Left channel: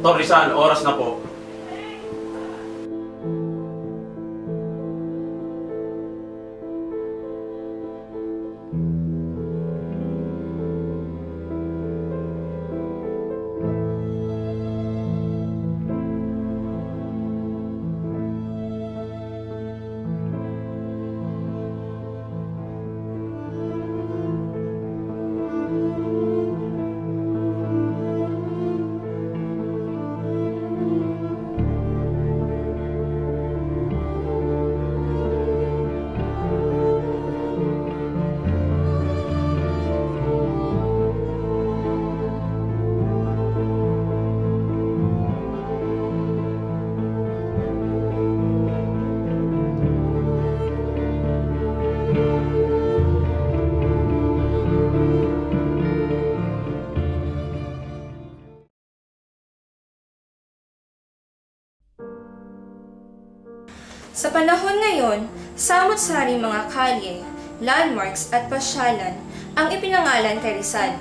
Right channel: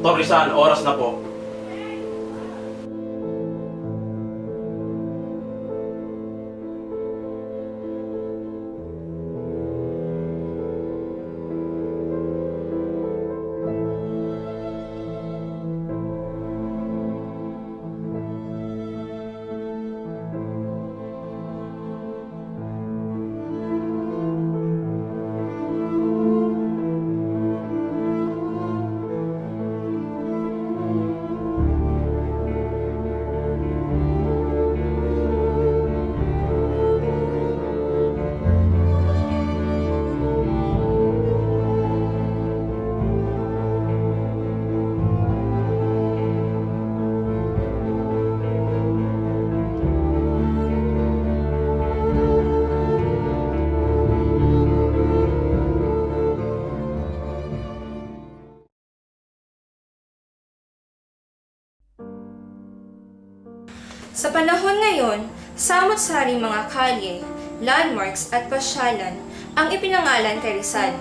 Dr. Rizal, oras na po. Sa panahon ngayon, samot-saring mga kalye, landmarks at pasyalan ang ipinangalan kay Rizal,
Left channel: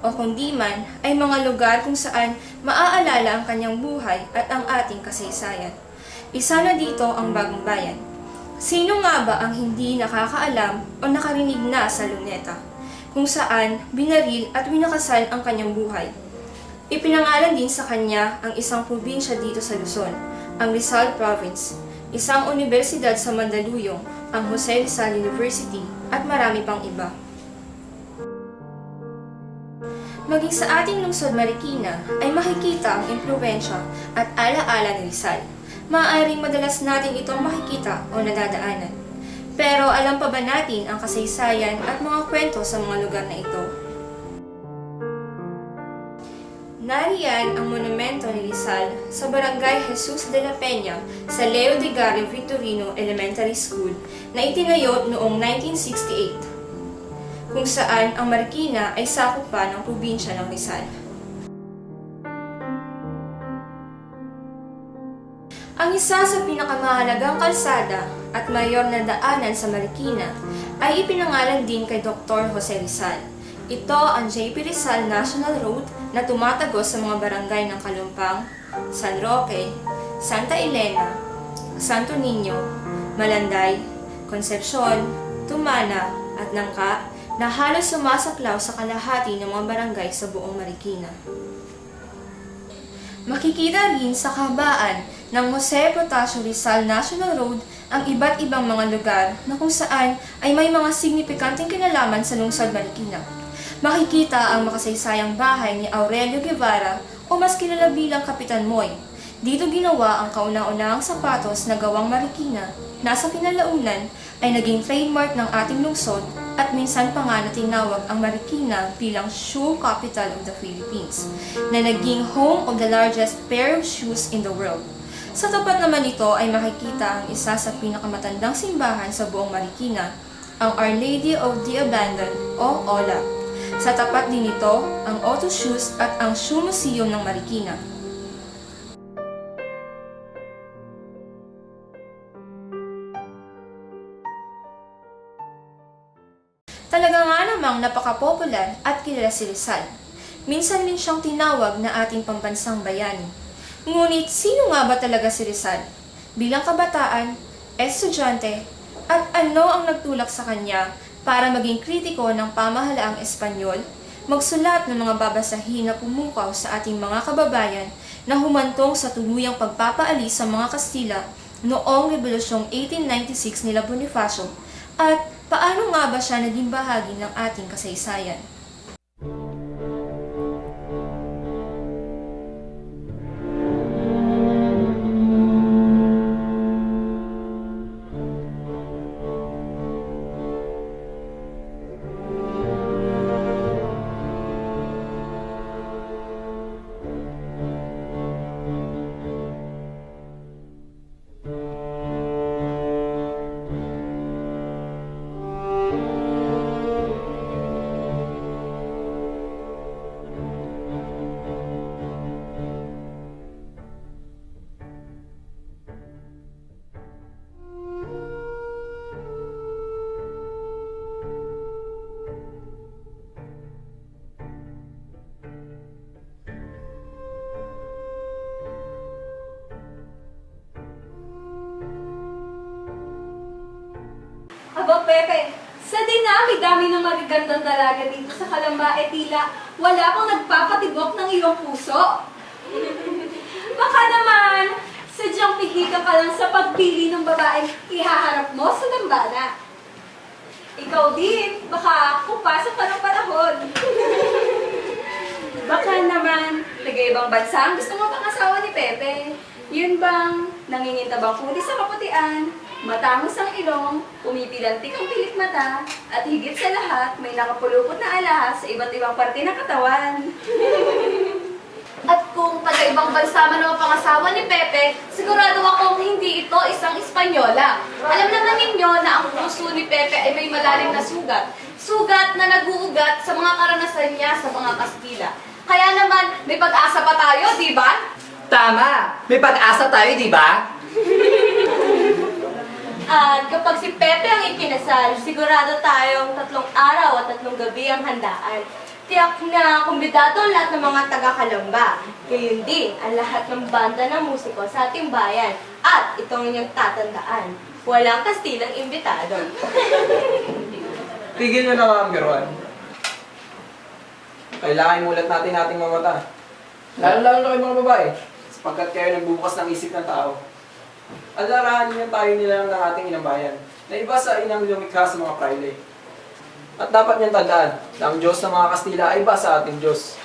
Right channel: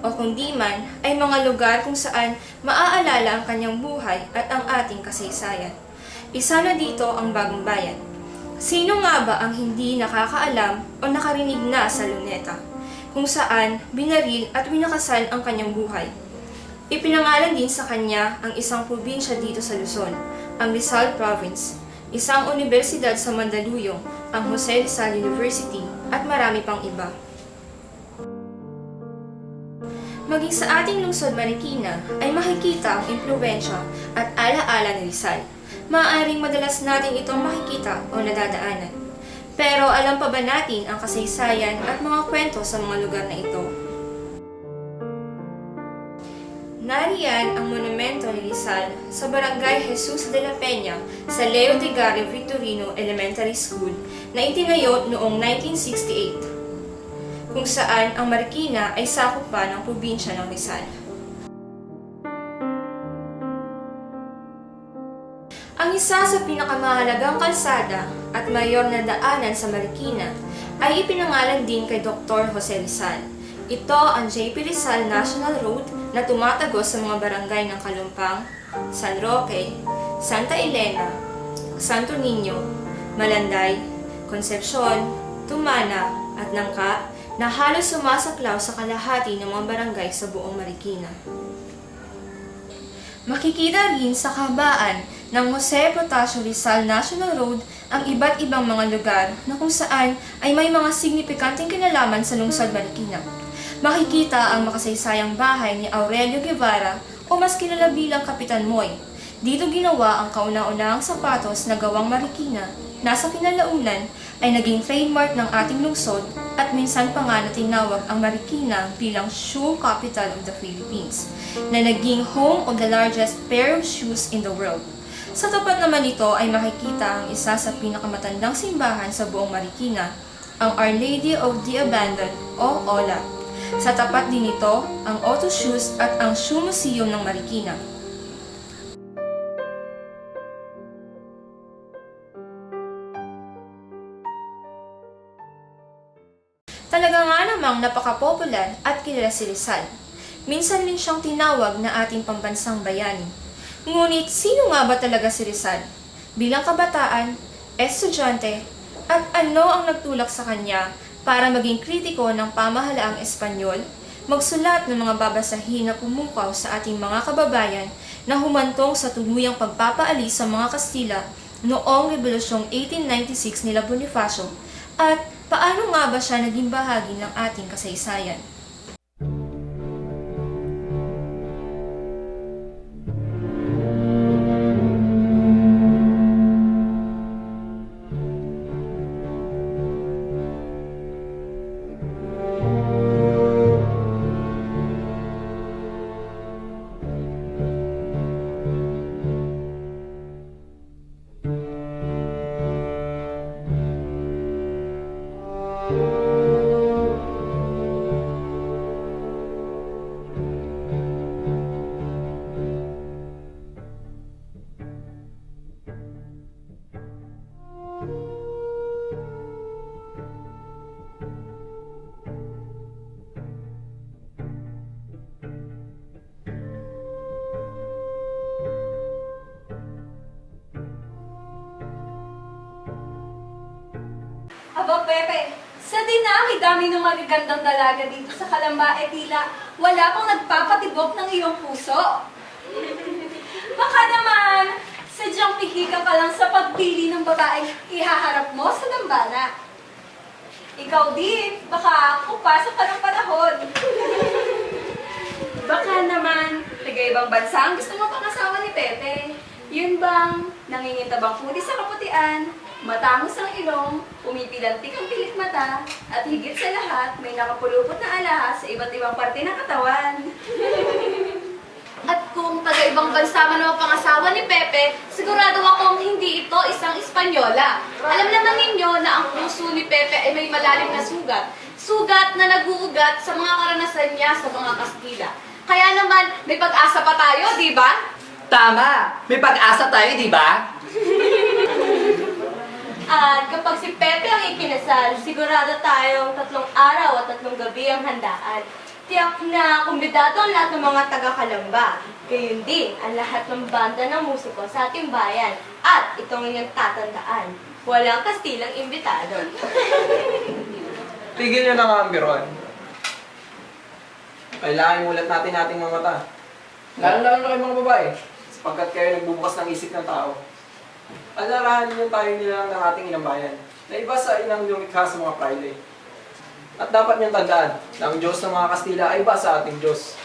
o kung di man ay mga lugar kung saan maaalala ang kanyang buhay at ang ating kasaysayan. Isa na dito ang Bagong Bayan. Sino nga ba ang hindi nakakaalam o nakarinig na sa Luneta, kung saan binaril at winakasal ang kanyang buhay? Ipinangalan din sa kanya ang isang probinsya dito sa Luzon, ang Rizal Province, isang universidad sa Mandaluyong, ang Jose Rizal University, at marami pang iba. Maging sa ating lungsod Marikina ay makikita ang impluwensya at alaala ni Rizal. Maaaring madalas natin itong makikita o nadadaanan. Pero alam pa ba natin ang kasaysayan at mga kwento sa mga lugar na ito? Nariyan ang monumento ni Rizal sa Barangay Jesus de la Peña sa Leo de Gario Victorino Elementary School na itinayo noong 1968, kung saan ang Marikina ay sakop pa ng probinsya ng Rizal. Ang isa sa pinakamahalagang kalsada at mayor na daanan sa Marikina ay ipinangalan din kay Dr. Jose Rizal. Ito ang J.P. Rizal National Road na tumatagos sa mga barangay ng Kalumpang, San Roque, Santa Elena, Santo Niño, Malanday, Concepcion, Tumana at Nangka na halos sumasaklaw sa kalahati ng mga barangay sa buong Marikina. Makikita rin sa kahabaan ng Jose Protasio Rizal National Road ang iba't ibang mga lugar na kung saan ay may mga signifikanteng kinalaman sa lungsod Marikina. Makikita ang makasaysayang bahay ni Aurelio Guevara o mas kilala bilang Kapitan Moy. Dito ginawa ang kauna-unahang sapatos na gawang Marikina na sa kinalaunan ay naging trademark ng ating lungsod at minsan pa nga na tinawag ang Marikina bilang Shoe Capital of the Philippines, na naging home of the largest pair of shoes in the world. Sa tapat naman nito ay makikita ang isa sa pinakamatandang simbahan sa buong Marikina, ang Our Lady of the Abandoned o OLA. Sa tapat din nito ang Auto Shoes at ang Shoe Museum ng Marikina. Talaga nga namang napaka-popular at kilala si Rizal. Minsan din siyang tinawag na ating pambansang bayani. Ngunit sino nga ba talaga si Rizal? Bilang kabataan, estudyante, at ano ang nagtulak sa kanya para maging kritiko ng pamahalaang Espanyol, magsulat ng mga babasahin na pumukaw sa ating mga kababayan na humantong sa tuluyang pagpapaalis sa mga Kastila noong Rebolusyong 1896 nila Bonifacio, at paano nga ba siya naging bahagi ng ating kasaysayan? Pepe. Sa dinami-dami ng magagandang dalaga dito sa Kalamba, tila wala pang nagpapatibok ng iyong puso. Baka naman, sadyang pihi ka pa lang sa pagpili ng babaeng ihaharap mo sa dambana. Ikaw din, baka pupasok pa ng panahon. Baka naman, taga-ibang bansa ang gusto mo pang asawa ni Pepe. Yun bang nangingintabang puti sa kaputian, matangos ang ilong, pumipilantik ang pilik mata, at higit sa lahat, may nakapulupot na alahas sa iba't ibang parte ng katawan. At kung taga-ibang bansa man ang pangasawa ni Pepe, sigurado akong hindi ito isang Espanyola. Alam naman ninyo na ang puso ni Pepe ay may malalim na sugat. Sugat na nag-uugat sa mga karanasan niya sa mga Kastila. Kaya naman, may pag-asa pa tayo, di ba? Tama! May pag-asa tayo, di ba? At kapag si Pepe ang ikinasal, sigurado tayong 3 araw at 3 gabi ang handaan. Tiyak na kumbidado ang lahat ng mga taga-Kalamba. Gayon din ang lahat ng banda ng musiko sa ating bayan. At itong inyong tatandaan, walang Kastilang imbitado. Tigil nyo na mga biruan. Kailangan mulat natin ating mga mata. Lalo-lalo na kayo mga babae, sapagkat kayo nagbubukas ng isip ng tao. Alarahan niyo tayo nilang ng ating inang bayan, na iba sa inang lumikha sa mga praile. At dapat niyong tandaan na ang Diyos ng mga Kastila ay iba sa ating Diyos.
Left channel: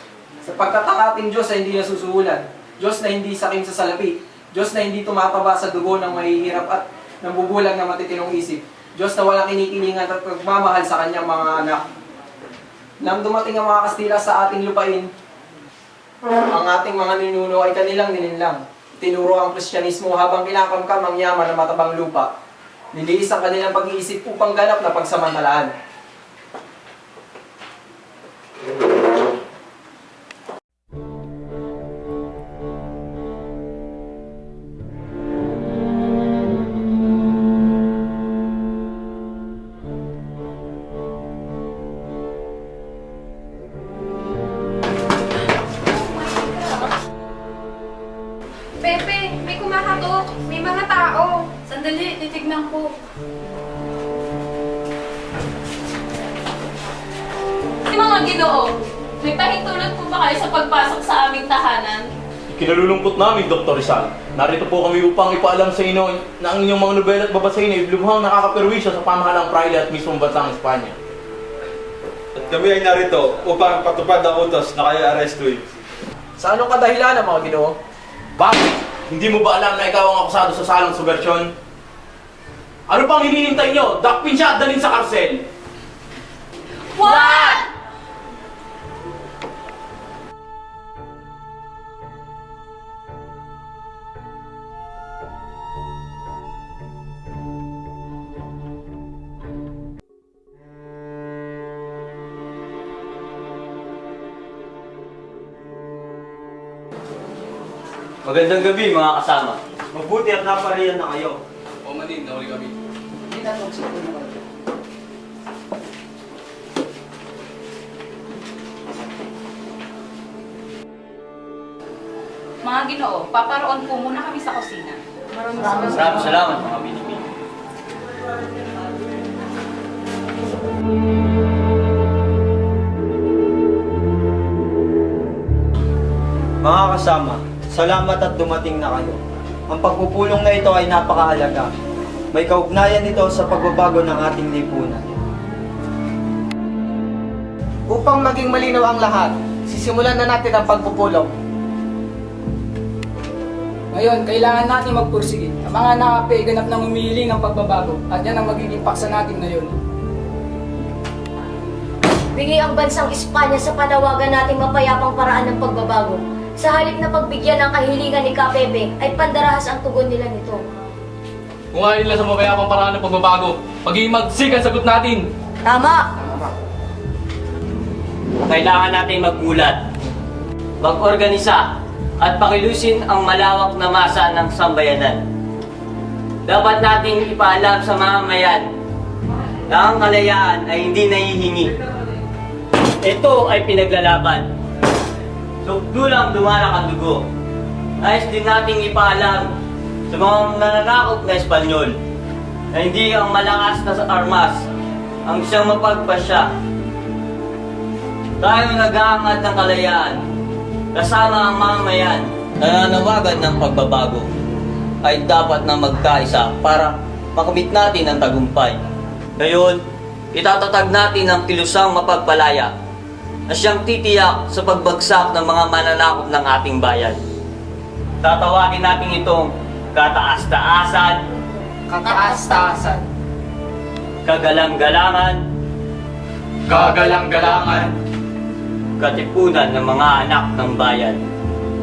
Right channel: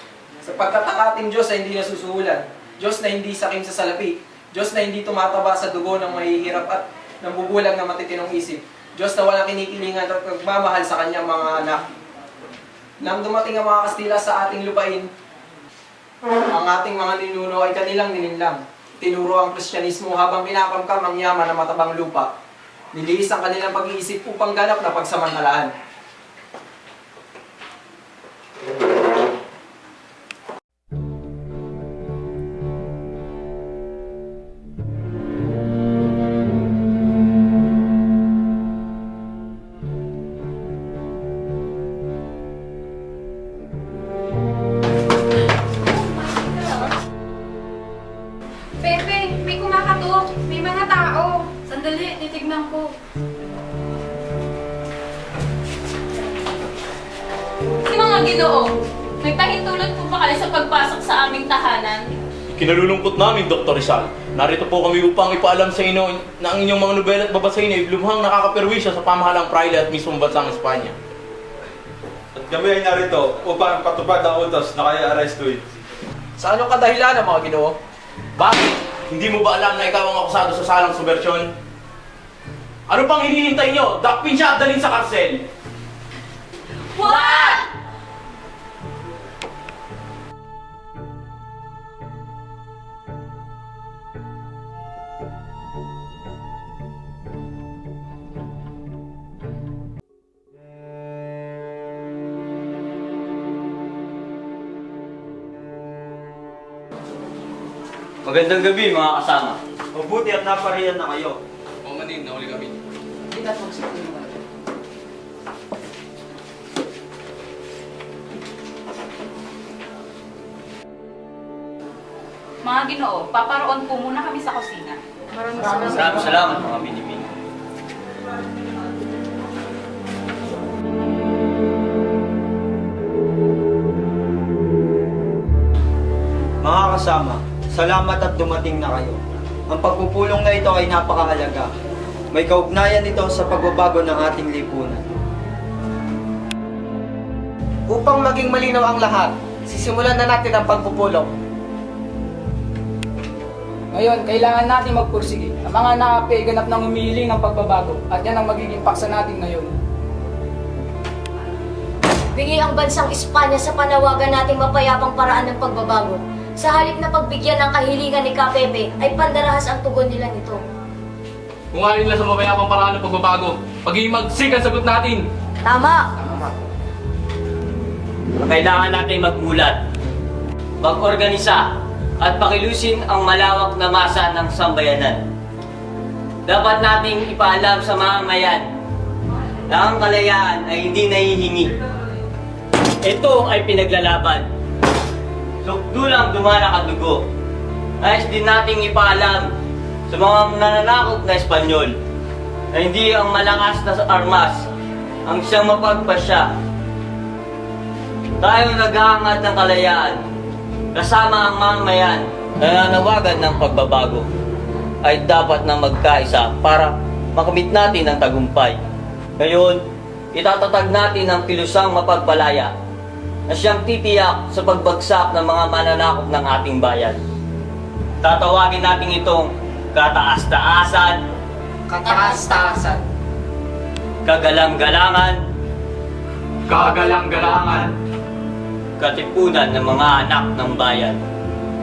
Sapagkat ang ating Diyos ay hindi nasusuhulan, Diyos na hindi sakim sa salapi, Diyos na hindi tumataba sa dugo ng mahihirap at nambubulag ng matitinong isip, Diyos na walang kinikilingan at nagmamahal sa kanyang mga anak. Nang dumating ang mga Kastila sa ating lupain, ang ating mga ninuno ay kanilang nilinlang. Tinuro ang Kristyanismo habang kinakamkam ang yaman ng matabang lupa. Niliis ang kanilang pag-iisip upang ganap na pagsamantalaan. Pepe, may kumakatok. May mga tao. Sandali, titignan ko. Mga Ginoo, may pahintulot po ba kayo sa pagpasok sa aming tahanan? Kinalulungkot namin, Dr. Rizal. Narito po kami upang ipaalam sa inyo na ang inyong mga nobela at babasahin ay lubhang nakakaperwisyo sa pamahalang praile at mismong bansang Espanya. At kami ay narito upang patupad ang utos na kayo arestuin. Sa anong kadahilan mga Ginoo? Bakit? Hindi mo ba alam na ikaw ang akusado sa salang subversyon? Ano pang hinihintay nyo? Dakpin siya at dalhin sa karsel! What? Magandang gabi mga kasama. Mabuti at napariyan na kayo. O manin, nahuli kami. Hindi na magsipin naman. Mga Ginoo, paparoon po muna kami sa kusina. Maraming salamat mga binibini. Mga kasama, salamat at dumating na kayo. Ang pagpupulong na ito ay napakahalaga. May kaugnayan ito sa pagbabago ng ating lipunan. Upang maging malinaw ang lahat, sisimulan na natin ang pagpupulong. Ngayon, kailangan natin magpursige. Ang mga nakapi ganap ng humihiling ng pagbabago at yan ang magiging paksa natin ngayon. Bingi ang bansang Espanya sa panawagan nating mapayapang paraan ng pagbabago. Sa halip na pagbigyan ng kahilingan ni Pepe ay pandarahas ang tugon nila nito. Kung nga nila sa mapayapang paraan ng pagbabago, pag-iimagsik ang sagot natin! Tama! Kailangan natin magmulat, mag-organisa, at pakilusin ang malawak na masa ng sambayanan. Dapat nating ipaalam sa mamamayan na ang kalayaan ay hindi nahihingi. Ito ay pinaglalaban. Sukdulang dumanak ang dugo. Nais din nating ipaalam sa mga nananakot na Espanyol na hindi ang malakas na armas ang siyang mapagpasya. Tayo nag-aangad ng kalayaan, kasama ang mamamayan, nananawagan ng pagbabago, ay dapat na magkaisa para makamit natin ang tagumpay. Ngayon, itatatag natin ang kilusang mapagpalaya na siyang titiyak sa pagbagsak ng mga mananakop ng ating bayan. Tatawagin natin itong kataas-taasan, Kataas-taasan. kagalang-galangan, Kagalang-galangan, katipunan ng mga anak ng bayan.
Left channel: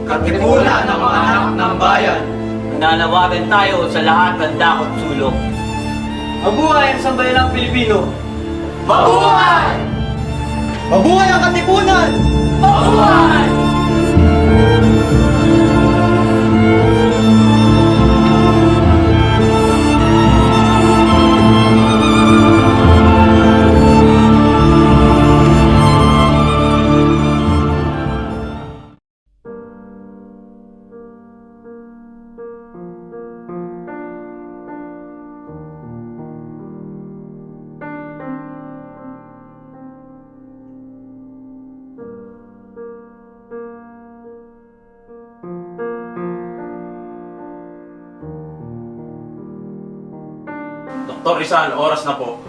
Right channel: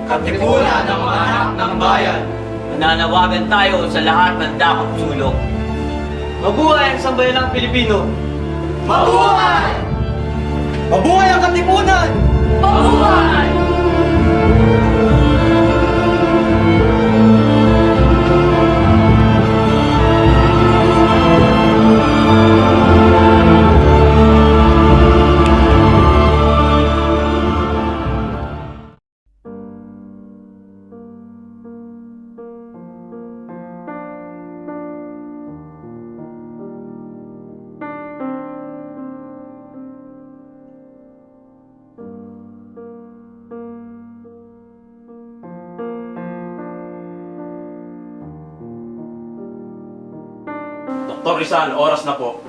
katipunan ng mga anak ng bayan. Nananawagan tayo sa lahat ng dakot sulok. Mabuhay ang sambayanang Pilipino! Mabuhay! Mabuhay ang katipunan! Mabuhay! Dr. Rizal, oras na po.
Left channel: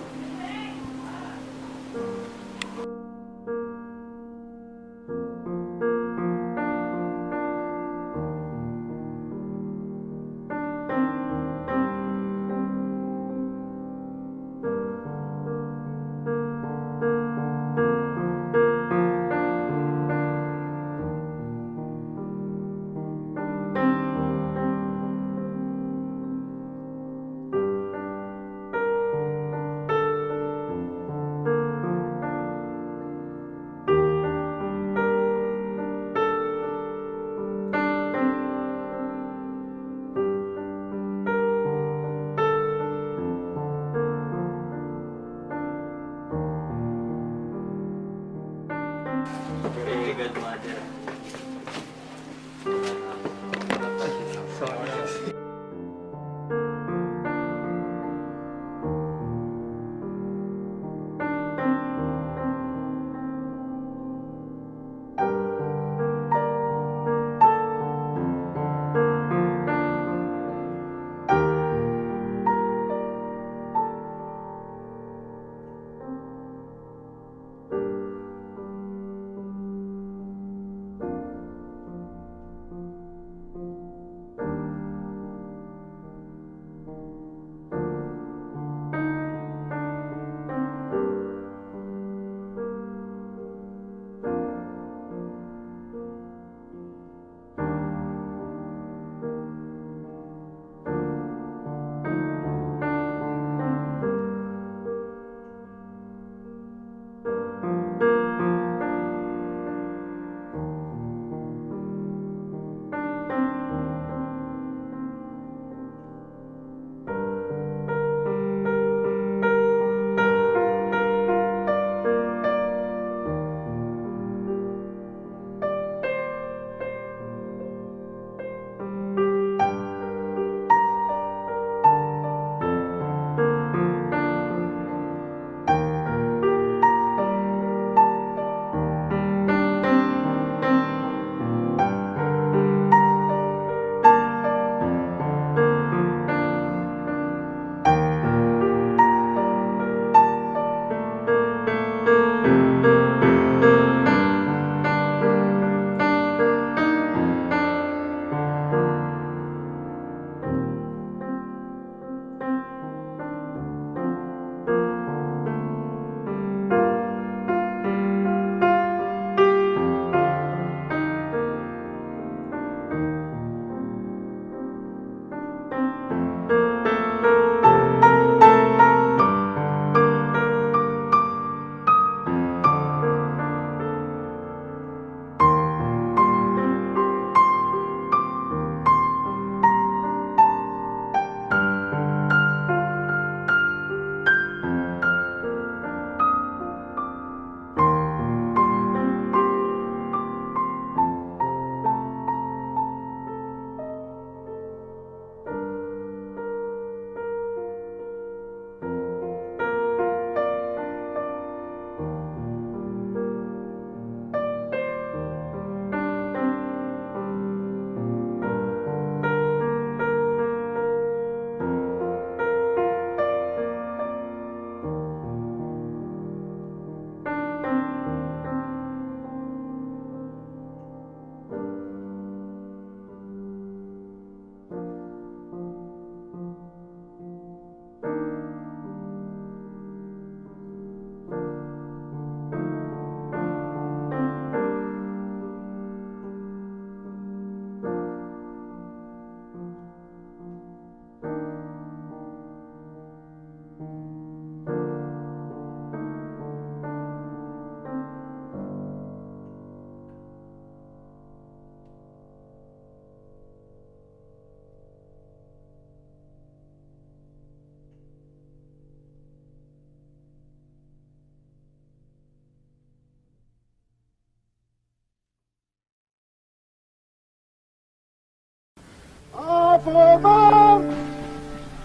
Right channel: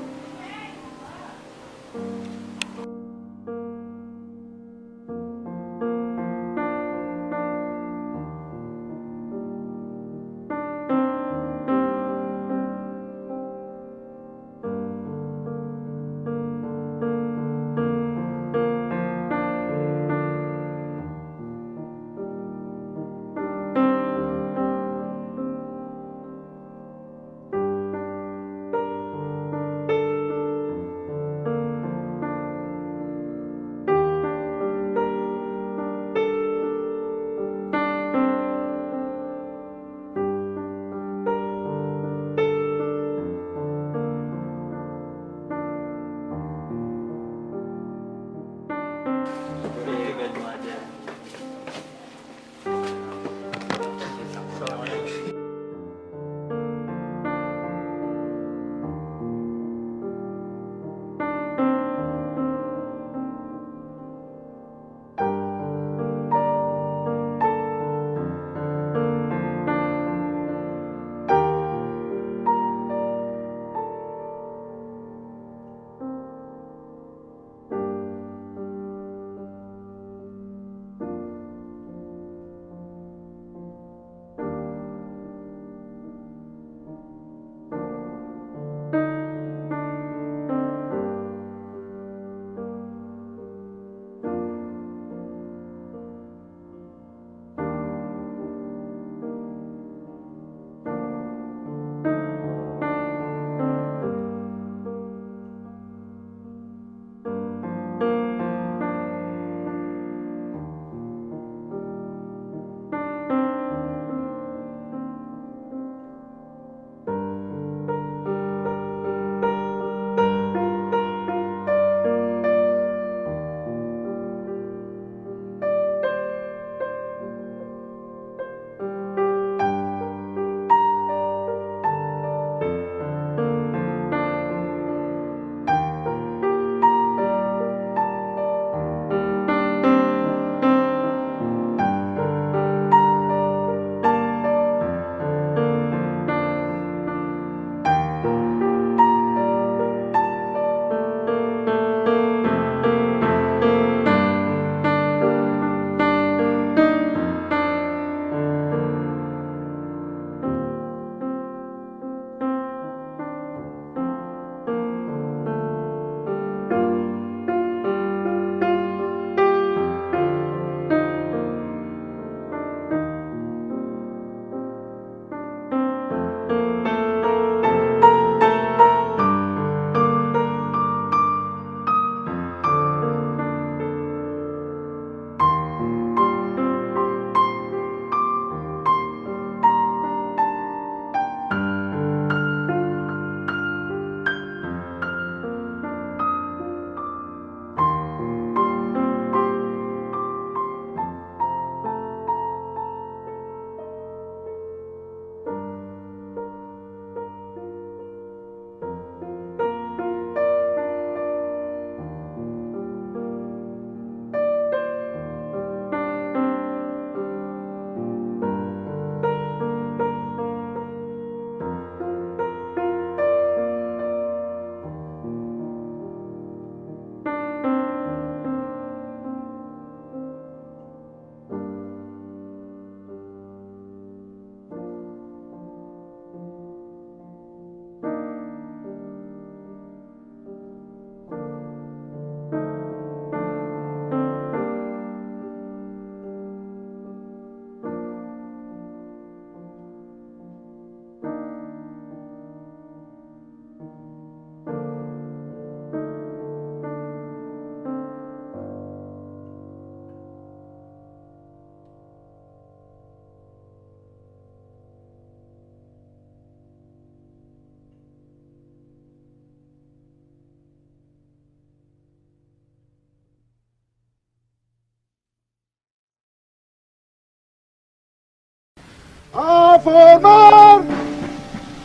A formar!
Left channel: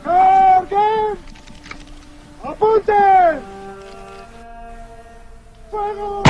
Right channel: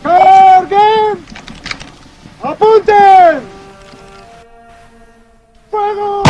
¡Carguen! ¡Apunten! ¡Fuego!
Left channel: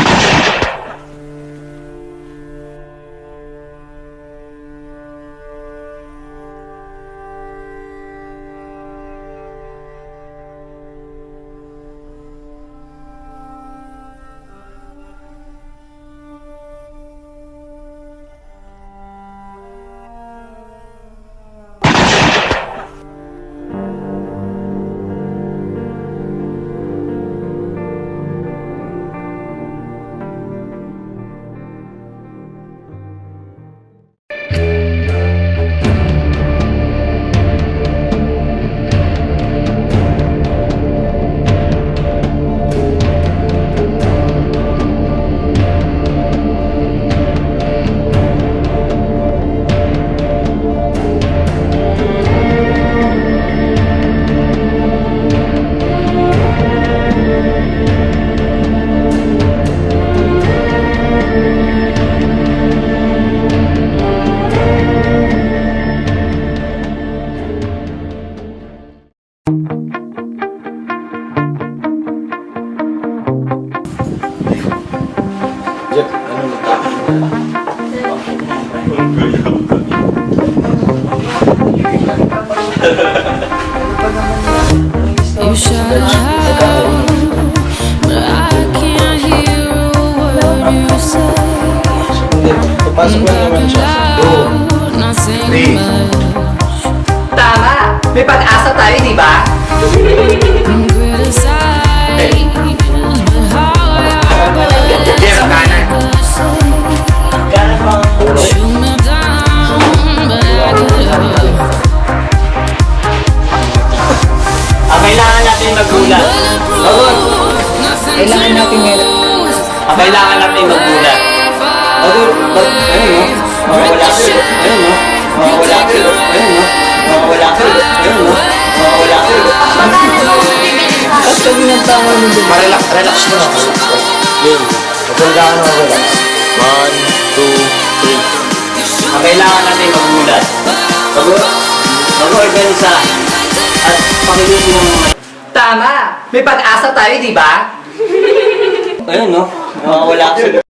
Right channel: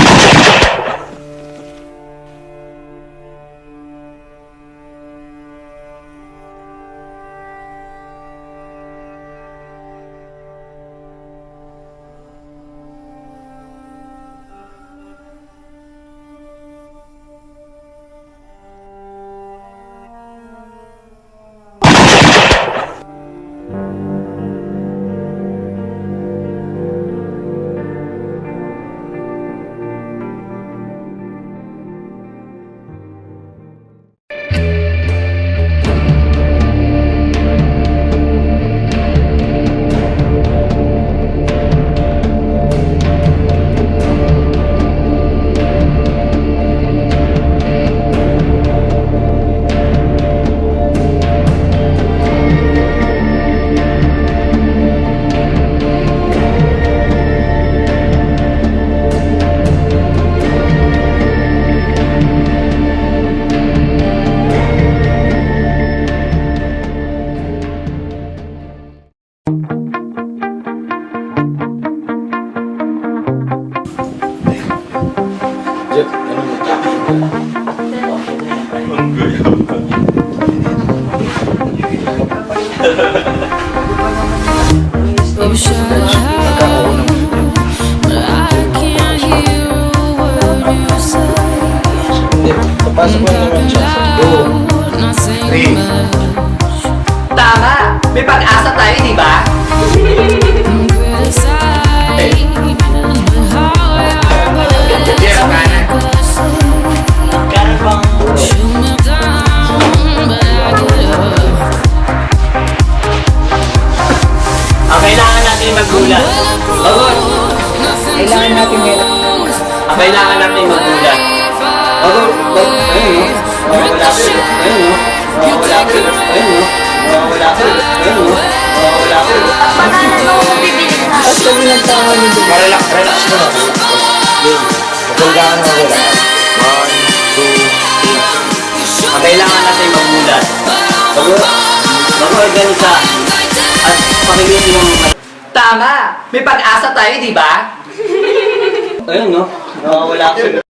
Jeff, ano magkakain Ang gayam ka. You shout it out, but I can't hear a word you say. I'm talking loud, not saying much. Tama! May pag-asa tayo, di ba? I'm criticized, but how your bullets make us say. Shoot me down, but I get up. Ang kailangan natin maggulat. Bulletproof, nothing to lose. Ang kailangan natin maggulat. Rip the shit, you take it Wala ko. Relax mo na. Huwag kang mawala. 1, 2, 3. Ang kailangan natin magmulat. Mag-organisa at pakilusin ng mga... Tama! May pag-asa tayo, di ba? Ayun, no? Nakawala ako.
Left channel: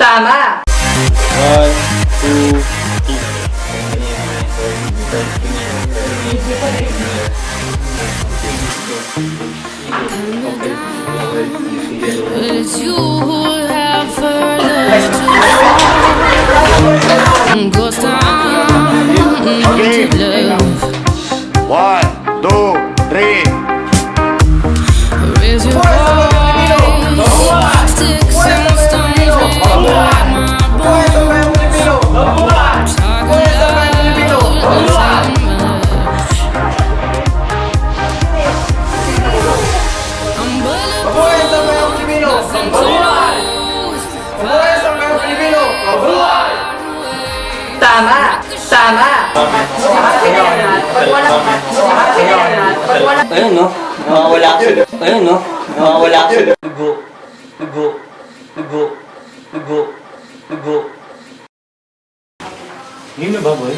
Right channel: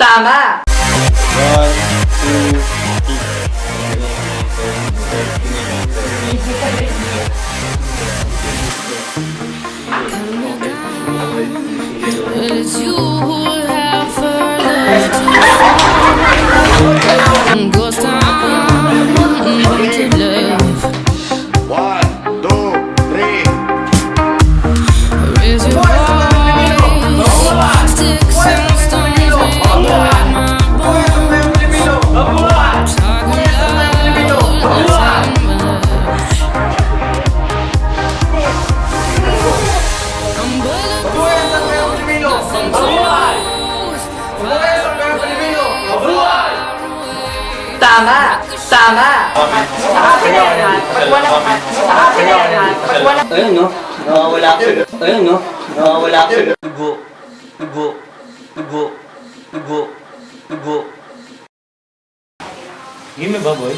Tama! 1, 2, 3. but it's you who have further to fall. Ghost town, haunted love. 1, 2, 3. Raise your voice, sticks and stones may break my bones. Talking loud, not saying much. I'm bulletproof, nothing to lose. Tama! Tama! Ayun, no? Nakawala ako. Ayun, no? Nakawala ako. Dugo. Dugo. Dugo. Dugo. Dugo. Yun na ba, boy?